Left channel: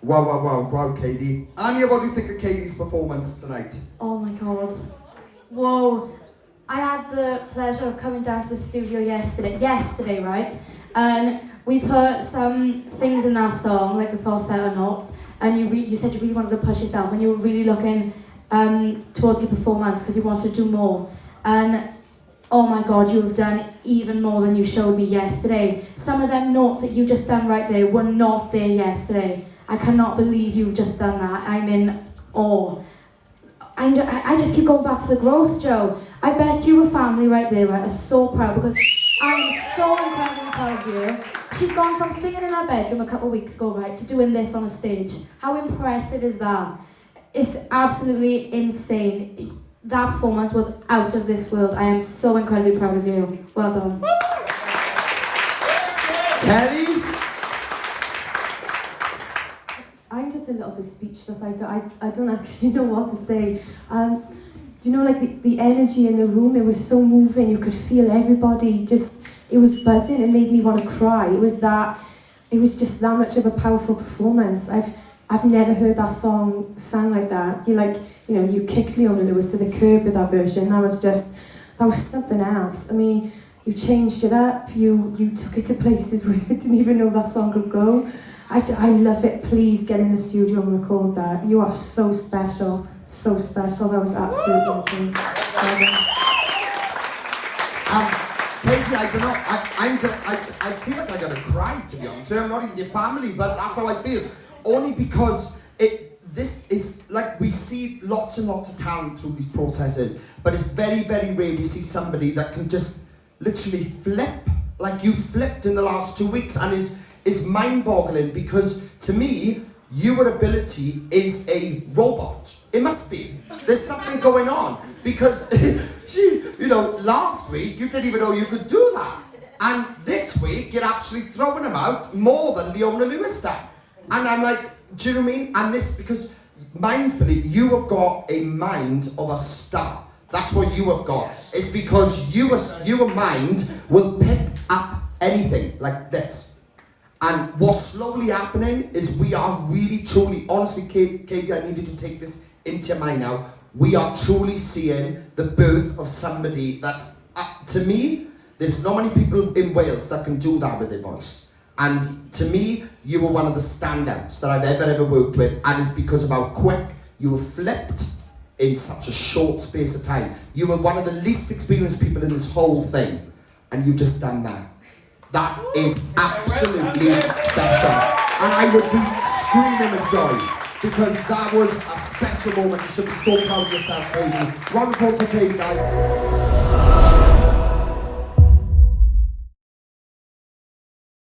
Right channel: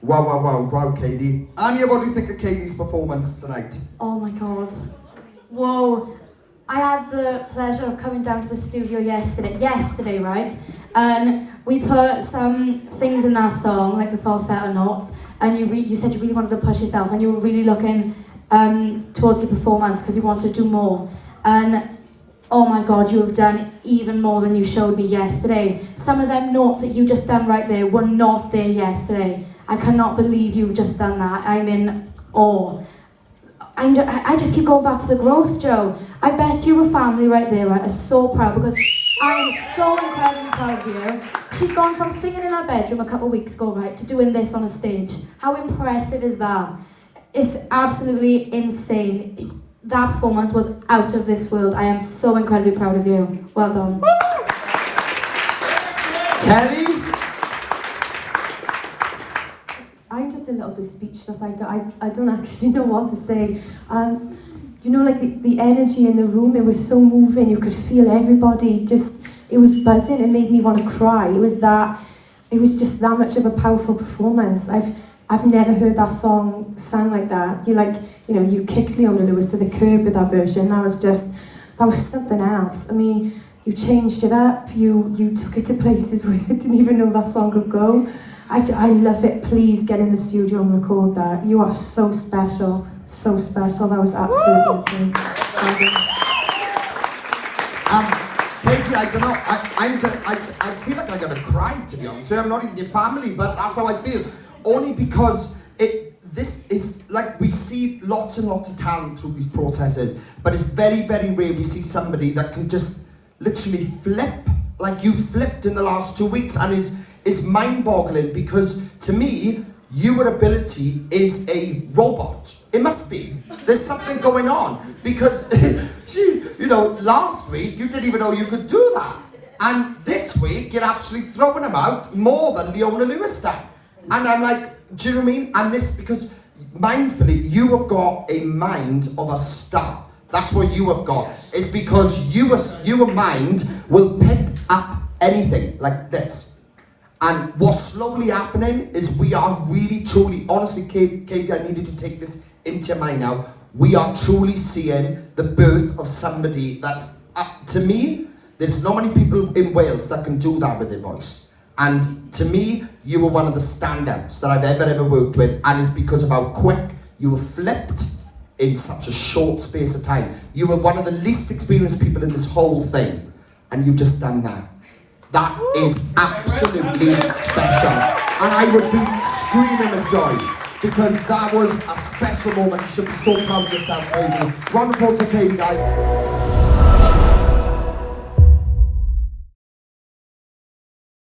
Wow, Katie. Anya, what do you think of Katie's performance tonight? Oh my god. Whoa. I had the pleasure of coming down to the studio yesterday, right? And we put some things in that song, like the falsetto notes, and you said you really wanted to push yourself, and you were really looking towards your performance because you wanted to do more. And oh my god, you have done even more than you showed me yesterday. Some of them notes that you just done right there were not there yesterday. I cannot believe you've just done that. I'm in awe. I just keep going back to the growth, Joe. I bet you a family right there are so proud because I am so incredibly proud of you. She's gone from singing in her bedroom a couple of weeks ago, right, to doing this on a stage. How impressive is that? It's absolutely insane. That performance was out of this world. I am so incredibly proud of you. Well done. Kelly? I'm just a little bit speechless. I don't actually know what to say. You know, like the energy in the room, it was so moving. You could feel everybody just, it was buzzing. It made me want to cry. It was just that much of a powerful performance. I've never heard that song sung like that. You kicked Leona Lewis to the curb with that version. That was something else. I mean, you changed it up. You took it to places where I didn't even know that song could go. I love it. Please get in the studio and record that. You are so special. So special. That was absolutely insane. Katie, I don't know. I feel like I'm gonna cry, to be honest. I'm not even your family, but that's how I feel. Only because this is like, we see lots and lots of talent through these processes, but it's very, very rare we see somebody that can just literally flip, like you flipped in the last 2 weeks, and is mind-boggling, because to me, your ability is a robot. It must be. There's something going on, because last week you didn't even know you could do that, and this week you're actually throwing them out more than Leona Lewis did. And I'm like, do you know what I mean? And this, because mindfully, you have got a mind of a star. That's what you have got. It's because your mind will pick up anything like this. And what's slowly happening is we are really, truly, honestly, Katie, I need you to take this into your mind now. We are truly seeing the birth of somebody that's, to me, there's not many people in Wales that can do that with their voice. And to me, you were one of the standouts that I've ever worked with, and it's because of how quick you were flipped in such a short space of time. You were one of the least experienced people in this whole thing, and you've just done that. That is absolutely special. And I would be screaming of joy, because that was a special moment. You should be so proud of yourself, Katie. Round of applause for Katie, guys.